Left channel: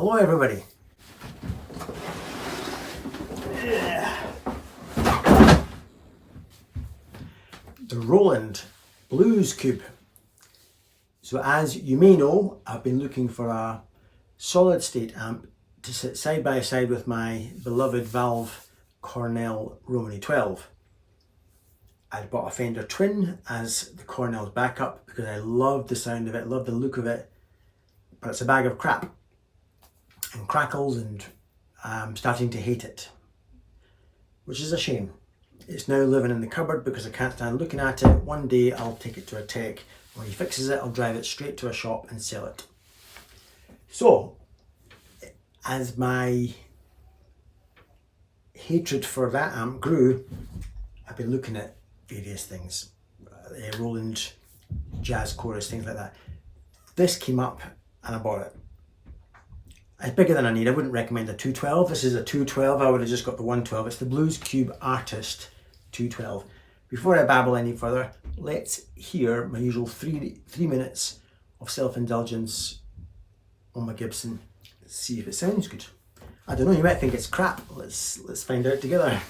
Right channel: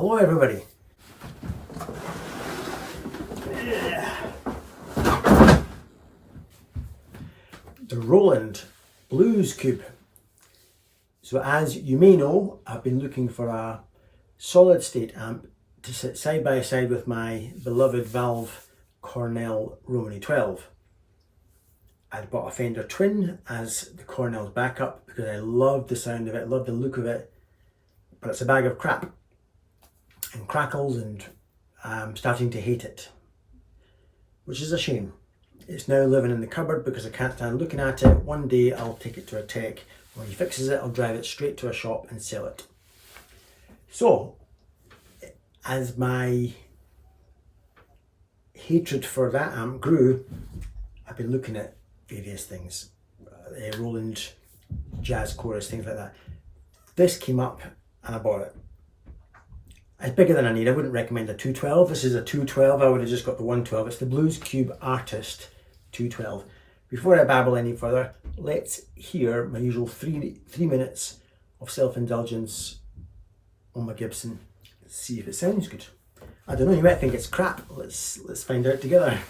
Hello everybody. The Roland Blues Cube. So as you may know, I've been looking for a solid state amp to sit side by side with my beloved Valve Cornell Romany 12. I bought a Fender Twin as the Cornell's backup because I love the sound of it, love the look of it, but it's a bag of crap and crackles, and I'm starting to hate it, which is a shame. It's now living in the cupboard because I can't stand looking at it. One day I'll take it to a tech. When he fixes it, I'll drive it straight to a shop and sell it. So, as my hatred for that amp grew, I've been looking at various things. Roland jazz chorus, things like that. This came up and I bought it. It's bigger than I need. I wouldn't recommend a 212. This is a 212. I would have just got the 112. It's the Blues Cube Artist 212. Before I babble any further, let's hear my usual three minutes of self-indulgence on my Gibson. Let's see if it sounds good. I don't know, you might think it's crap. Let's find out together.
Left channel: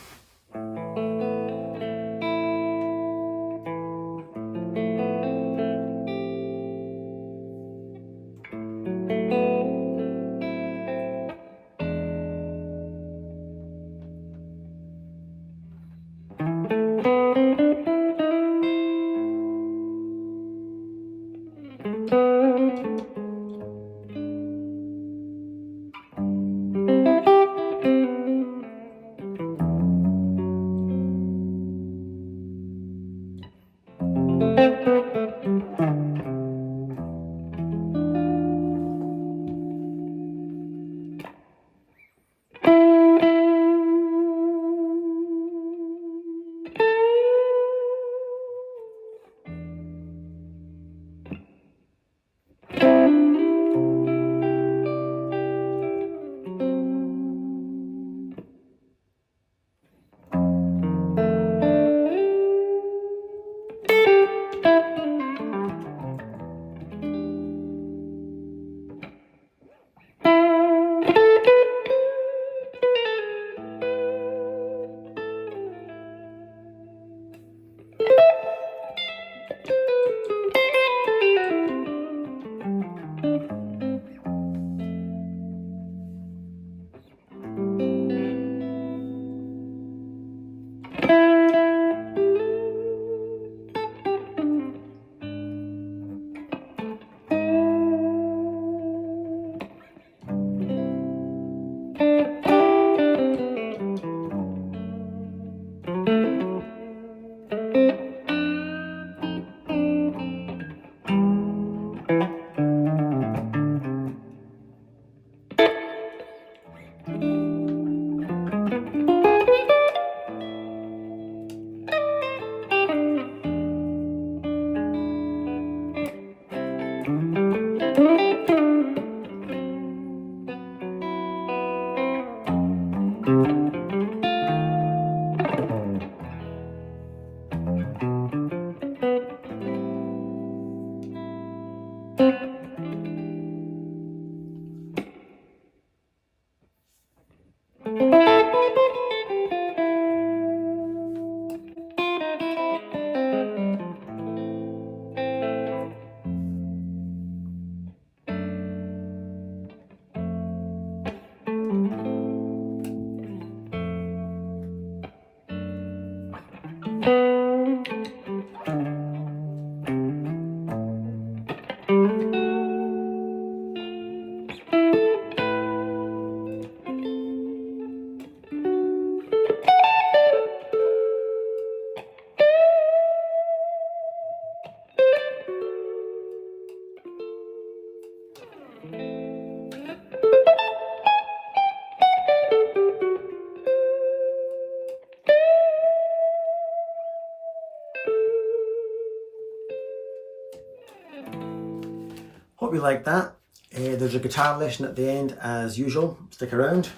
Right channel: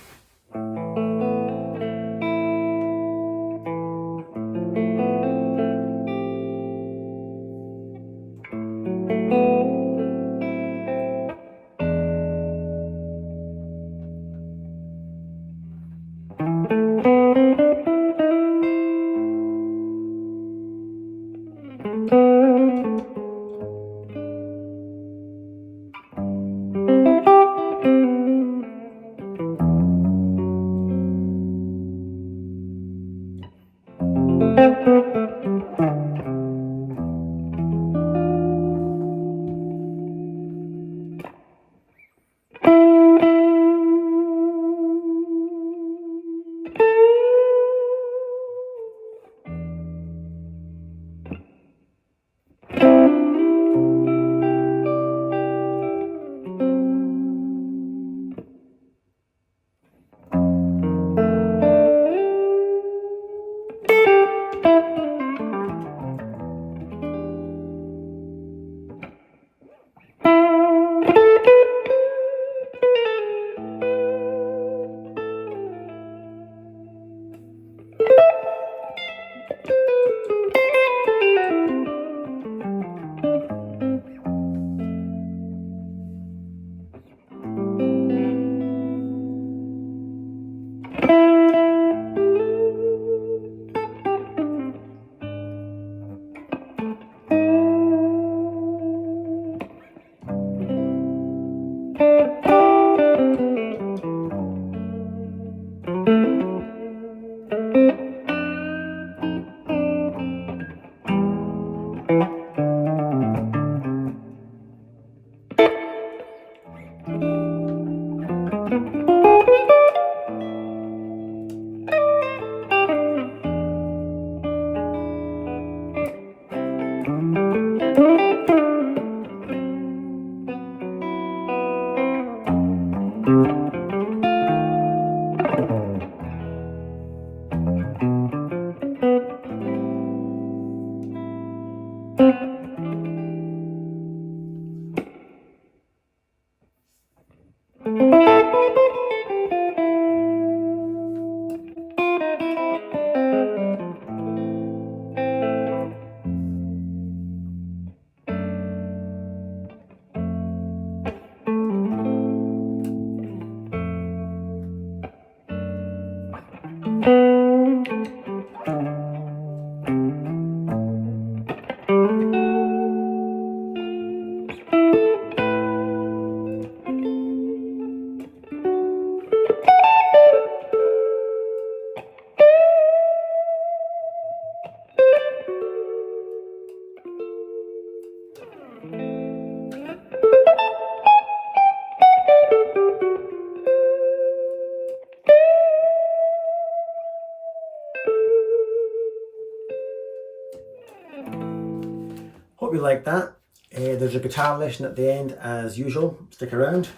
Hope you like that. There's a guitar lesson at the end as usual. Stick around.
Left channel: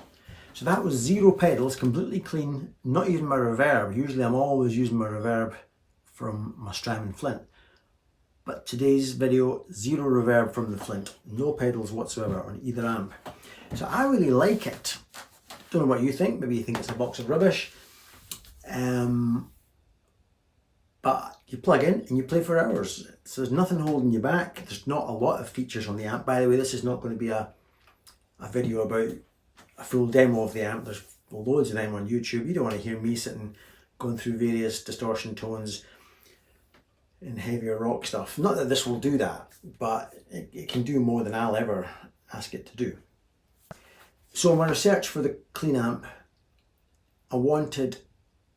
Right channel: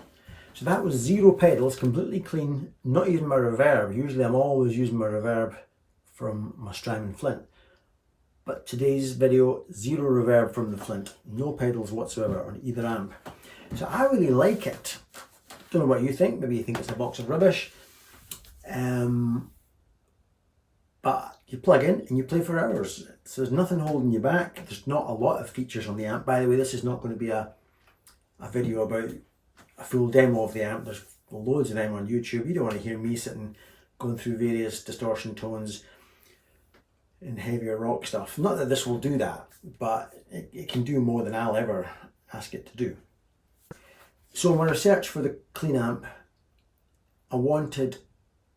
So that was 0 pedals, completely clean, not even my reverb. Usually I'm always using my reverb from my Strymon Flint. But today's video, 0 reverb from the Flint. No pedals whatsoever on either amp. So I really like it. Don't know what you think, maybe you think it's a box of rubbish. But you plug in and you play for hours. So there's nothing holding you back. There's not a lot of features on the amp. By the way, this is not going to be a video about a full demo of the amp. There's loads of them on YouTube. You don't want to hear me sitting going through various distortion tones and heavier rock stuff. Not that this will do that, but it can do more than I'll ever ask it to do. So in my research for the clean amp, I wanted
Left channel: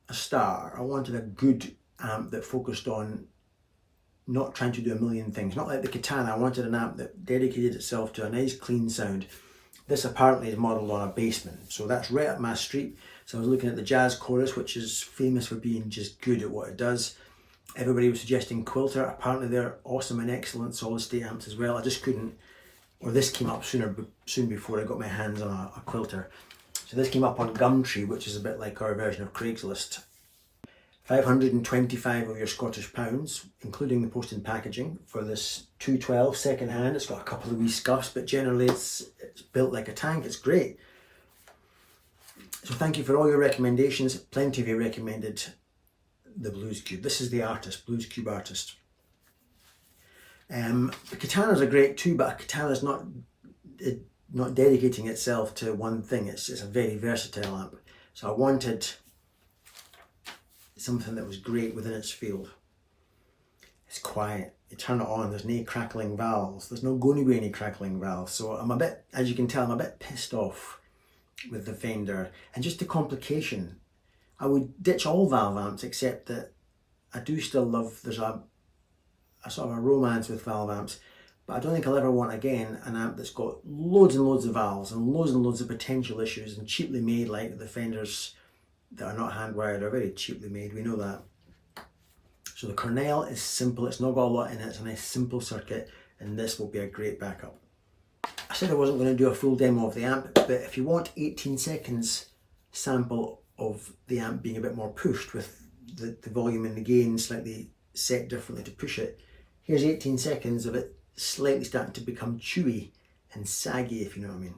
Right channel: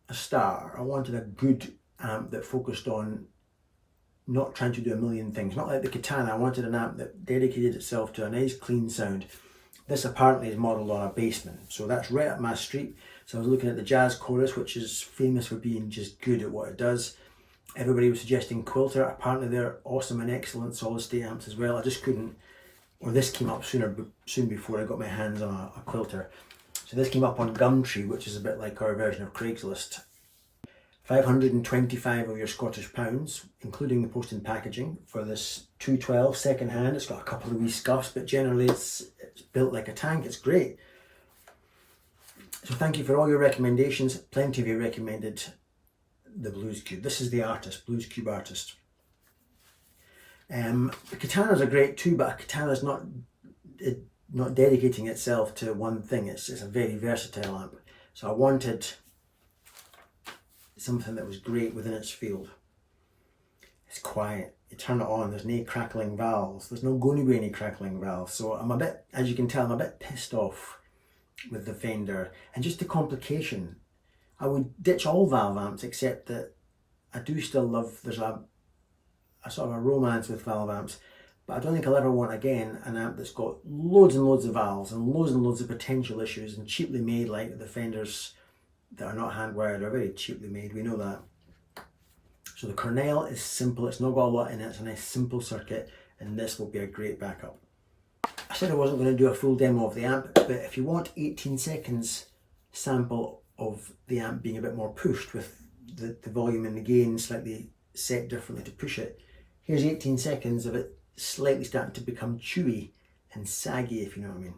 a star. I wanted a good amp that focused on not trying to do a million things. Not like the Katana. I wanted an amp that dedicated itself to a nice clean sound. This apparently is modelled on a Bassman, so that's right up my street. So I was looking at the Jazz Chorus, which is famous for being just good at what it does. Everybody was suggesting Quilter. Apparently they're awesome and excellent solid state amps as well. I just couldn't, or this came up soon before I got my hands on a Quilter. So this came up on Gumtree, which is a bit like our version of Craigslist. 525 of your Scottish pounds, including the post and packaging, for this 212 second hand. It's got a couple of wee scuffs, but generally it's built like a tank. It's great. So thank you for all your recommendations. Plenty of you recommended the Blues Cube. This is the artist, Blues Cube artist. The Katanas are great too, but a Katana's not dedicating itself to one thing. It's a very versatile amp. So I wanted something that was great within its field. It's quiet. You turn it on, there's no crackling valves. There's not going to be any crackling valves. So I'm a bit, as you can tell, I'm a bit pissed off with the Fender. And just the complication. I would ditch all valve amps, except that I do still love, there's a sort of a romance with valve amps, but I don't think I'll ever want again an amp that's got loads and loads of valves and loads of potential issues and cheaply made, like the Fenders that are not hand wired are very cheaply made, we know that. So the Cornell is simple, it's not got a lot in it, it's a nice simple circuit, and this will be a great backup. I said I wasn't going to do a full demo of the amp, but if you want 18 seconds sample of the amp being a bit more pushed with the volume and the gain slightly set differently to push it, here's 18 seconds of it slightly starting to become chewy and saggy, if you know what I mean.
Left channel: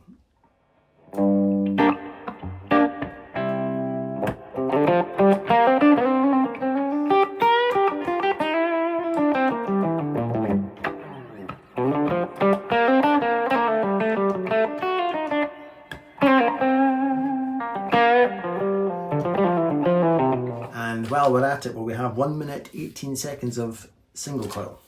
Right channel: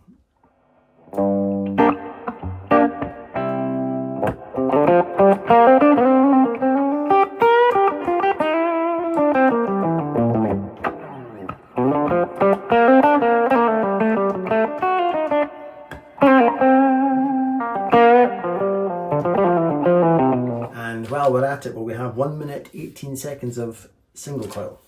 And while we're at it, well, we have 1 minute 18 seconds of single coil.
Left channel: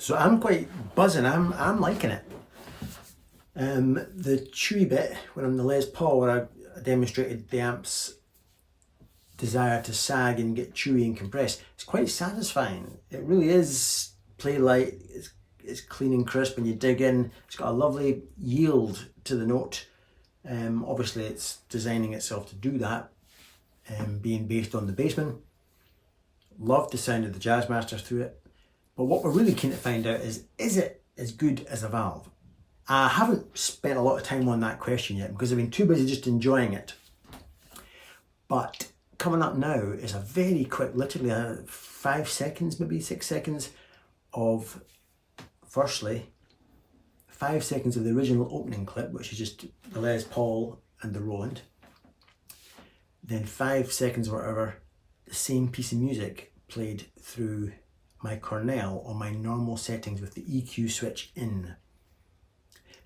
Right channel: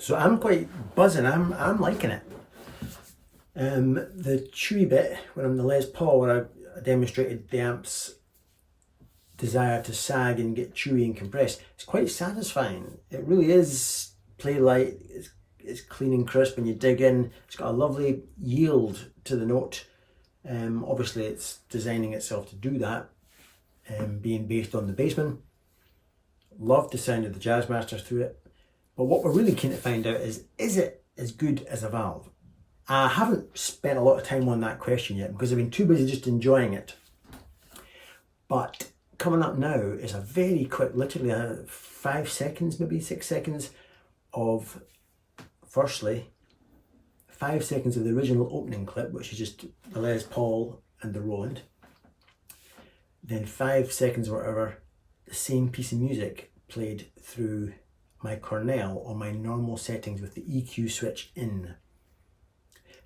So I'm quite buzzing, I'm liking it. The chewy bit, when I'm the Les Paul, where I demonstrated the amp's desire to sag and get chewy and compressed, it's quite satisfying. It really is play light, it's clean and crisp when you dig in. It's got a lovely yield to the note. Obviously it's designing itself to do that, being based on the Bassman. Loved the sound of the Jazzmaster through it. But what we're really keen to find out is it as good as a valve? I haven't spent a lot of time on that question yet because I've been too busy just enjoying it. But coming up now is a very quick, literally 5 seconds, maybe 6 seconds of, firstly, 5 seconds of the original opening clip, which is just the Les Paul and the Roland. Then 5 seconds or whatever, the same piece of music played through my Cornell on my normal settings with the EQ switch in.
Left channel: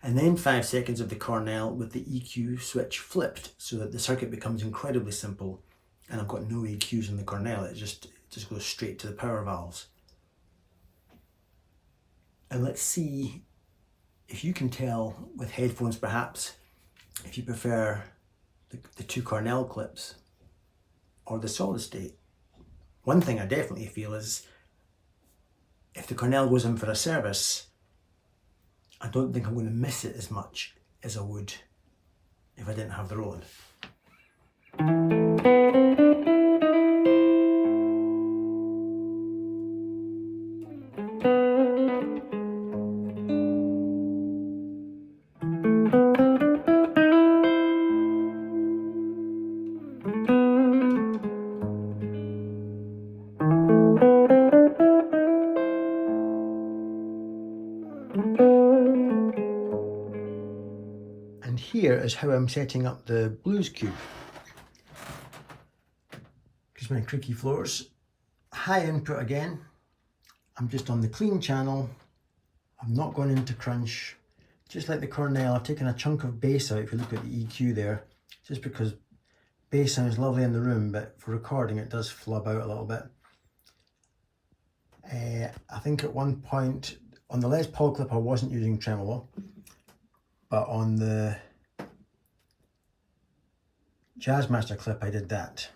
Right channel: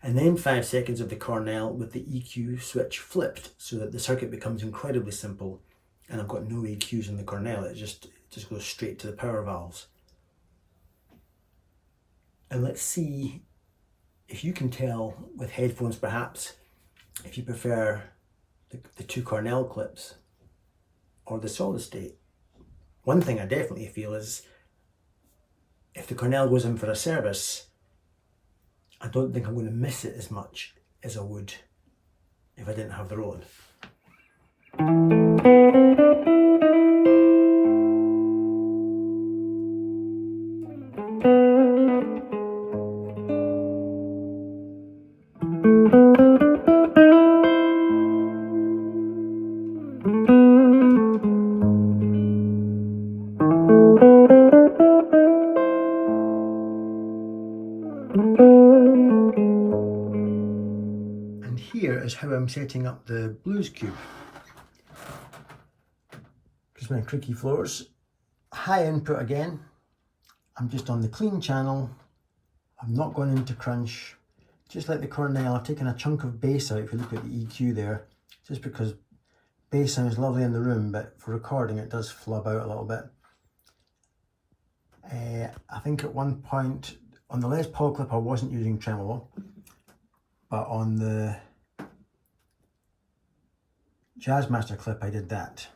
And then 5 seconds of the Cornell with the EQ switch flipped so that the circuit becomes incredibly simple and I've got no EQs in the Cornell, it just goes straight to the power valves. And let's see if you can tell with headphones perhaps, if you prefer the 2 Cornell clips or the solid state. One thing I definitely feel is if the Cornell goes in for a service, I don't think I'm going to miss it as much as I would if I didn't have the Roland. And here is how I'm setting up the Blues Cube. Because my creaky floors, high input again. I'm just on the clean channel. I'm not going into crunch. Just like the Cornell, I've taken a chunk of bass out if you look at the EQ there, just because bass sounds lovely in the room, but for recording it does flub out a little bit. I think at one point on the Les Paul clip I wasn't using tremolo, but on the Jazzmaster clip I did that.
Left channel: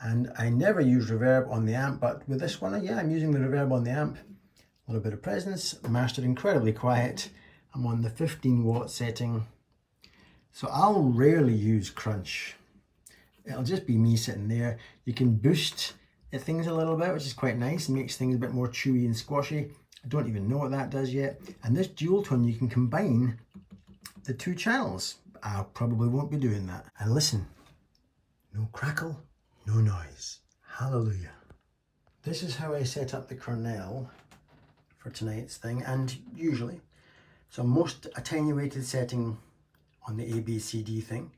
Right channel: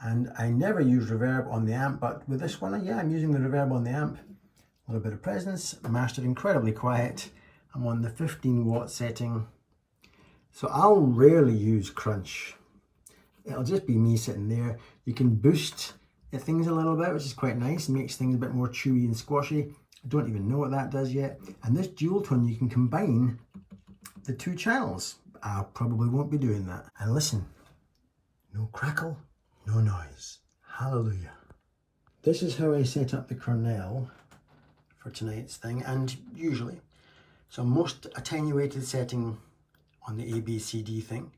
And I never use reverb on the amp, but with this one, yeah, I'm using the reverb on the amp. A little bit of presence, mastered incredibly quiet. I'm on the 15 watt setting. So I'll rarely use crunch. It'll just be me sitting there. You can boost things a little bit, which is quite nice. It makes things a bit more chewy and squashy. I don't even know what that does yet. And this dual tone, you can combine the 2 channels. I probably won't be doing that. And listen, no crackle, no noise. Hallelujah. This is how I set up the Cornell for tonight's thing, and usually. So most attenuated setting on the ABCD thing.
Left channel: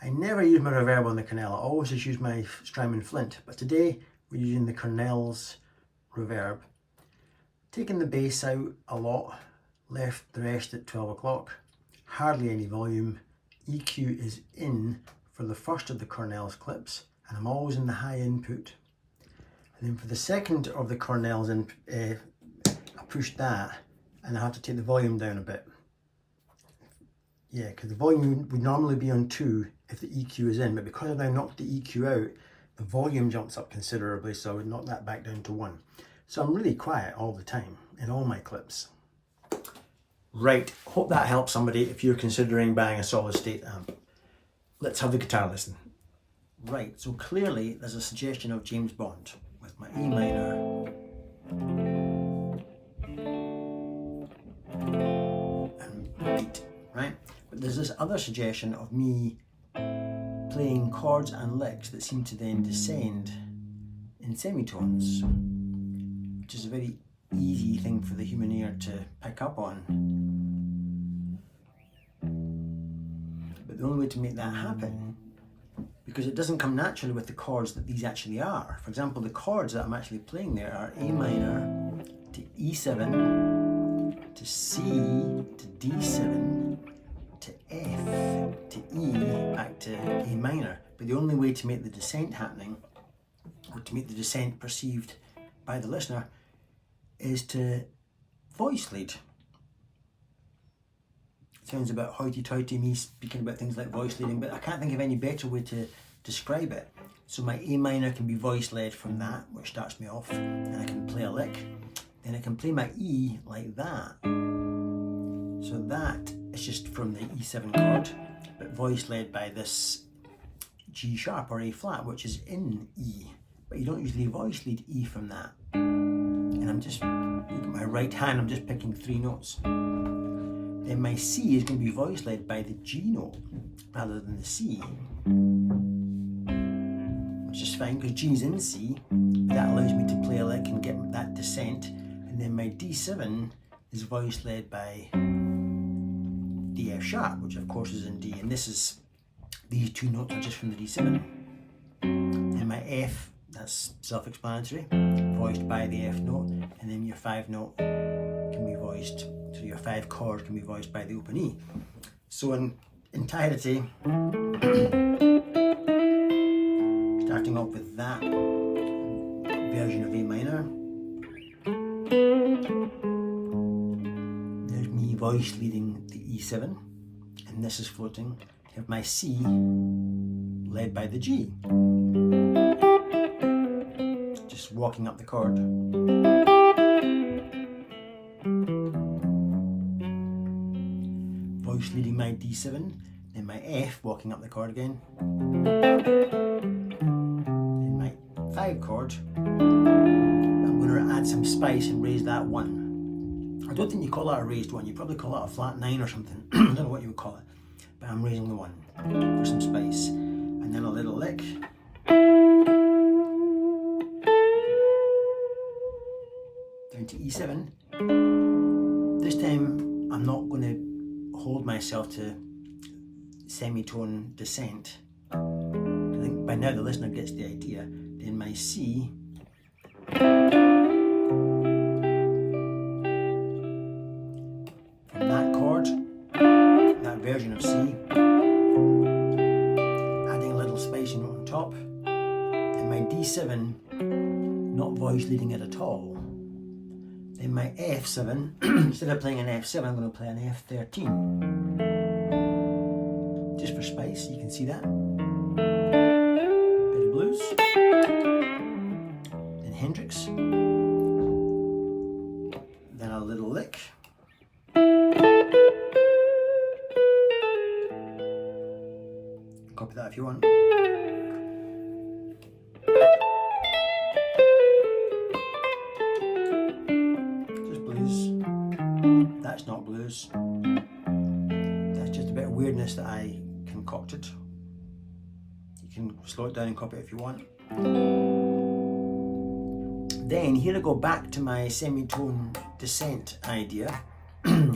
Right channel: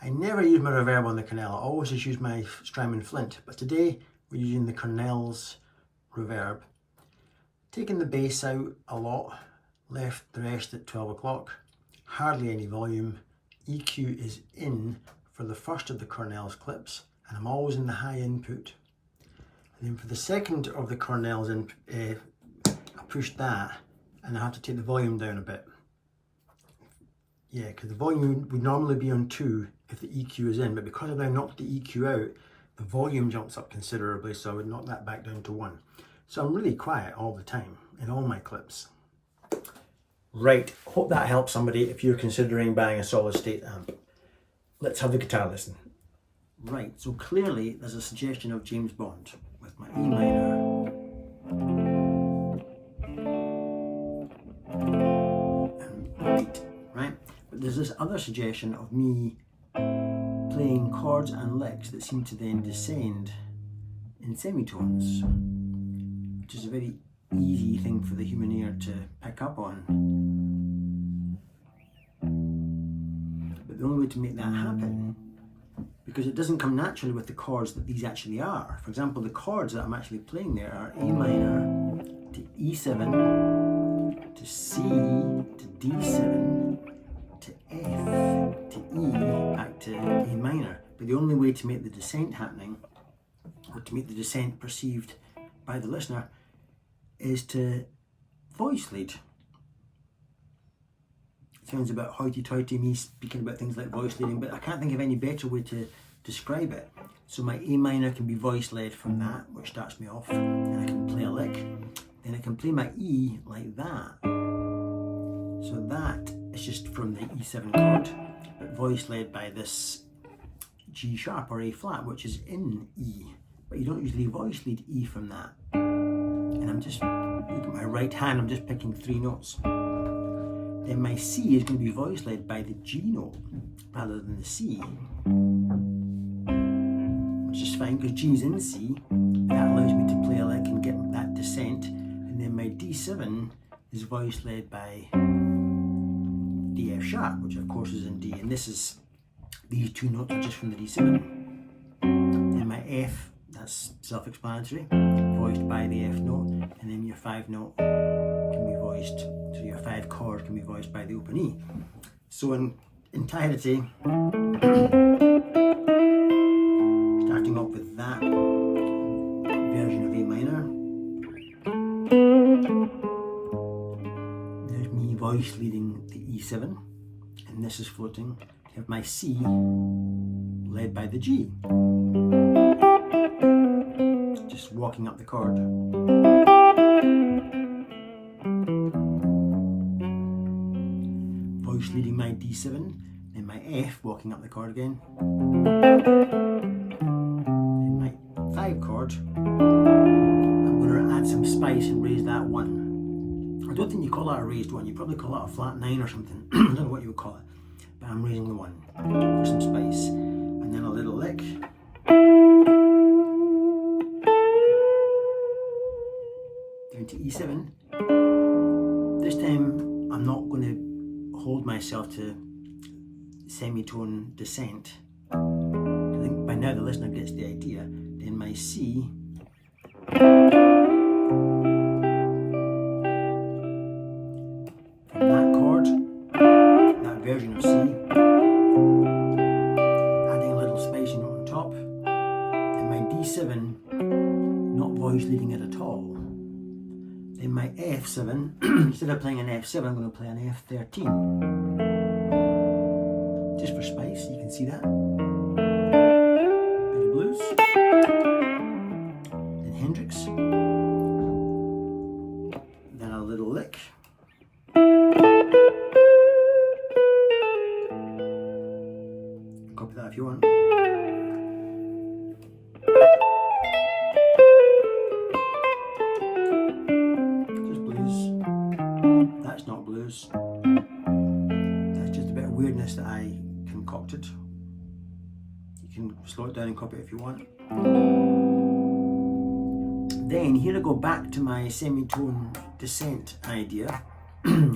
I never use my reverb on the Cornell. I always just use my Strymon Flint, but today we're using the Cornell's reverb. Taking the bass out a lot, left the rest at 12 o'clock. Hardly any volume. EQ is in for the first of the Cornell's clips, and I'm always in the high input. And then for the second of the Cornell's, I pushed that, and I have to take the volume down a bit. Yeah, because the volume would normally be on 2 if the EQ is in, but because I've now knocked the EQ out, the volume jumps up considerably, so I would knock that back down to 1. So I'm really quiet all the time in all my clips. Right, hope that helps somebody if you're considering buying a solid state amp. Let's have the guitar listen. Right, so clearly there's a suggestion of James Bond with my E minor and beat, right? But there's this other suggestion of me playing chords and licks that seem to then descend in semitones, which is a very easy thing for the human ear to pick up on. But the only way to make that happen, because it doesn't come naturally with the chords that these actually are. For example, the chords that I'm actually playing there are A minor to E7 to C to D7 to F to E back to A minor. But the only way to make the descent happening, or to make the descent perceived by the listener, is to voice lead. It sounds a bit hoity-toity, me speaking about things like voice leading, but I can't think of any better way to describe it. So my A minor can be voice led from that, which starts me off, and I can play a lick. Then I can play my E like that. So that is just from the E7 chord, but voice led by this G sharp or A flat, which is in E. But you don't usually voice lead E from that. And I'm just, look at my right hand, I'm just picking 3 notes. Then my C is going to be voice led by the G note rather than the C, which is fine because G is in C. That allows me to play a lick and get that descent. And And then my D7 is voice led by the F sharp, which of course is in D, and these two notes are just from the D7. And my F, that's self-explanatory, voiced by the F note, and then your 5 note can be voiced, so your 5 chord can be voiced by the open E. So in entirety, starting off with that version of A minor, there's me voice leading the E7, and this is floating to have my C led by the G, just walking up the chord. Voice leading my D7, then my F walking up the chord again, then my 5 chord. I'm going to add some spice and raise that 1. I don't think you call that a raised 1, you probably call that a flat 9 or something. I don't know what you would call it, but I'm raising the 1 for some spice. And then a little lick. Down to E7. This time I'm not going to hold myself to semitone descent. I think by now the listener gets the idea. Then my C, from that chord, that version of C, adding a little spicy note on top, and my D7 not voice leading it at all. Then my F7, instead of playing an F7, I'm going to play an F13. Just for spice, you can see that. Bit of blues. Then Hendrix. Then a little lick. Copy that if you want. That's not blues, that's just a bit of weirdness that I concocted. You can slow it down and copy it if you want. Then here I go back to my semitone descent idea.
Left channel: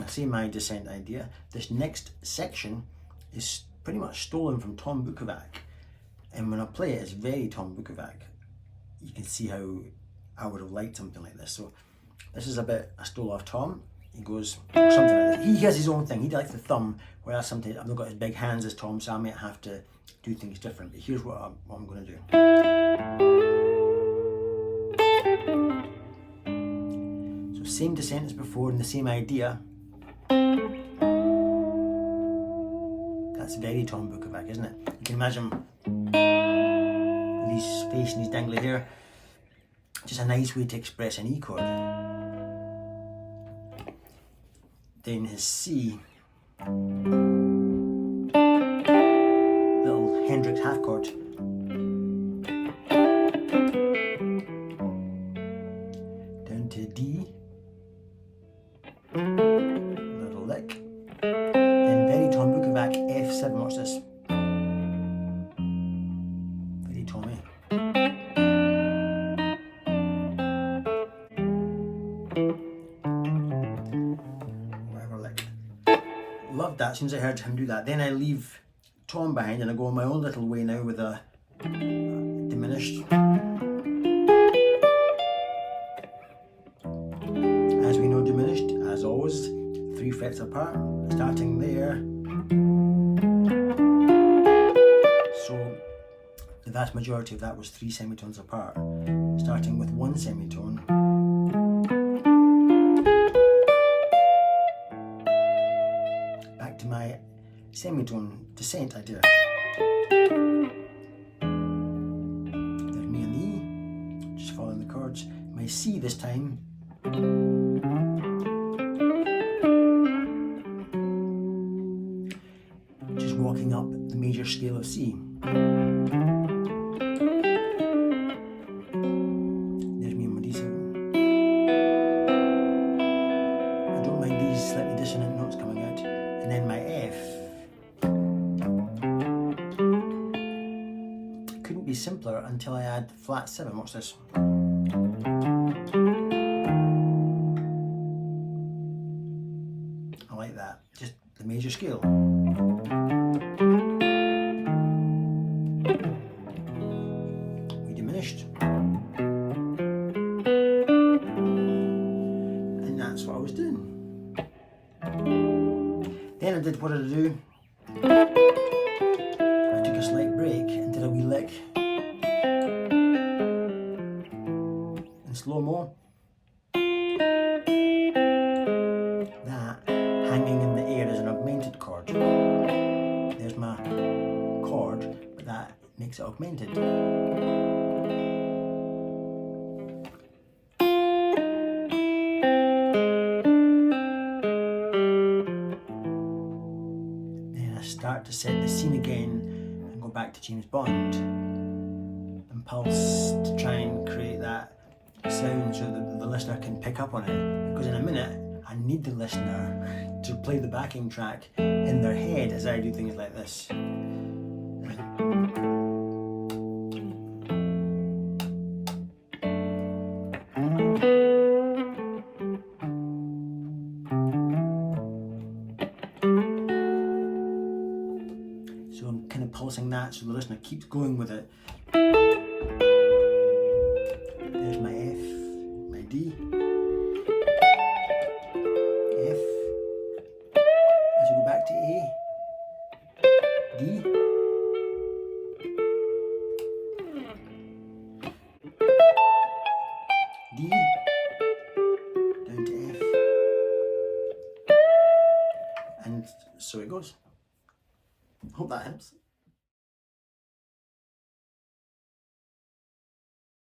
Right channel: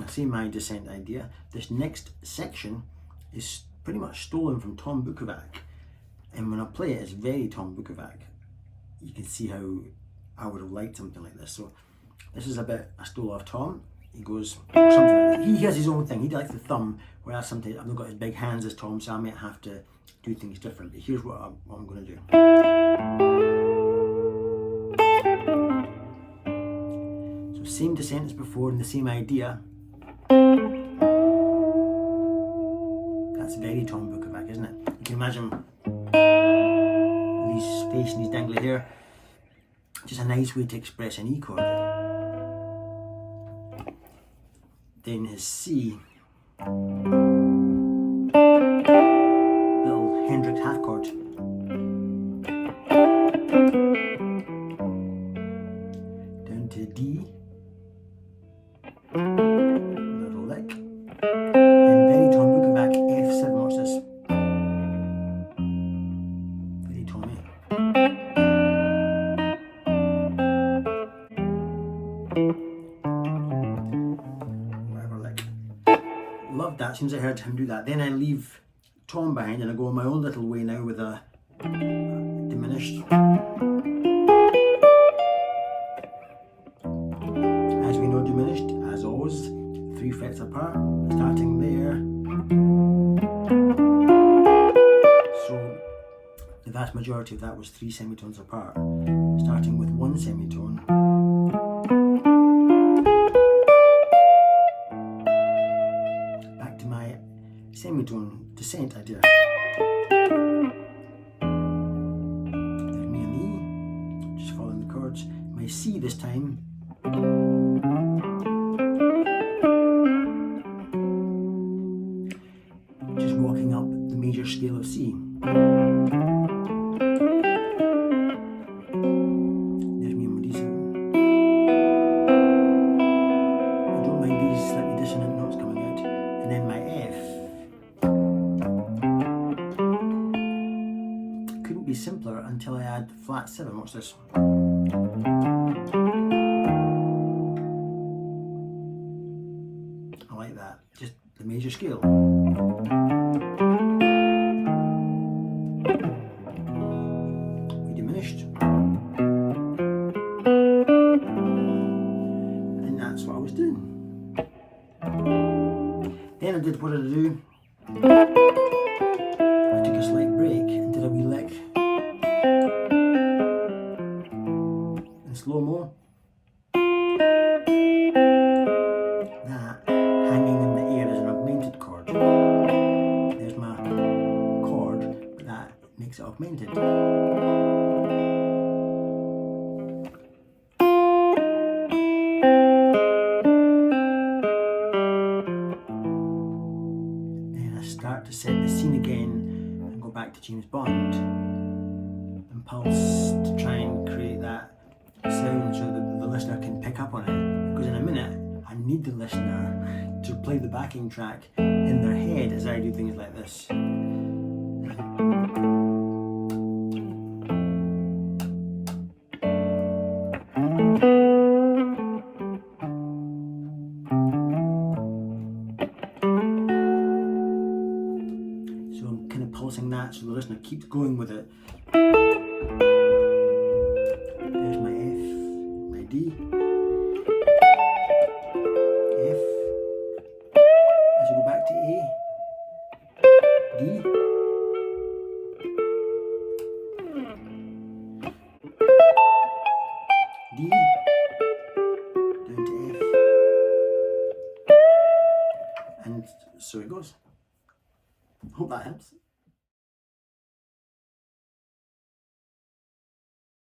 See my descent idea. This next section is pretty much stolen from Tom Bukovac, and when I play it, it's very Tom Bukovac. You can see how I would have liked something like this. So this is a bit I stole off Tom. He goes, or something like that. He has his own thing. He likes the thumb, whereas sometimes I've not got as big hands as Tom, so I might have to do things different. But here's what I'm going to do. So same descent as before and the same idea. That's very Tom Bukovac, isn't it? You can imagine with his face and his dangly hair. Just a nice way to express an E chord. Then his C, little Hendrix half chord. Down to D, little lick. Then very Tom Bukovac, F7, watch this. Very Tommy. Loved that as soon as I heard him do that. Then I leave Tom behind and I go my own little way now with a diminished. As we know, diminished, as always, 3 frets apart, starting there. So the vast majority of that was 3 semitones apart, starting with 1 semitone. My semitone descent idea. There's me and the E, just following the chords. My C this time. Just walking up the major scale of C. There's me and my D7. I don't mind these slightly dissonant notes coming out. And then my F. Couldn't be simpler until I add flat 7. Watch this. the major scale. We diminished. And that's what I was doing. Then I did what did I do? I took a slight break and did a wee lick in slow-mo. That hanging in the air is an augmented chord. There's my chord, but that makes it augmented. Then I start to set the scene again and go back to James Bond and pulse to try and create that sound so that the listener can pick up on it, because in a minute I need the listener to play the backing track in their head as I do things like this. So I'm kind of pulsing that so the listener keeps going with it. There's my F, my D, F, as you go back to A, D, D, down to F, and so it goes. Hope that helps.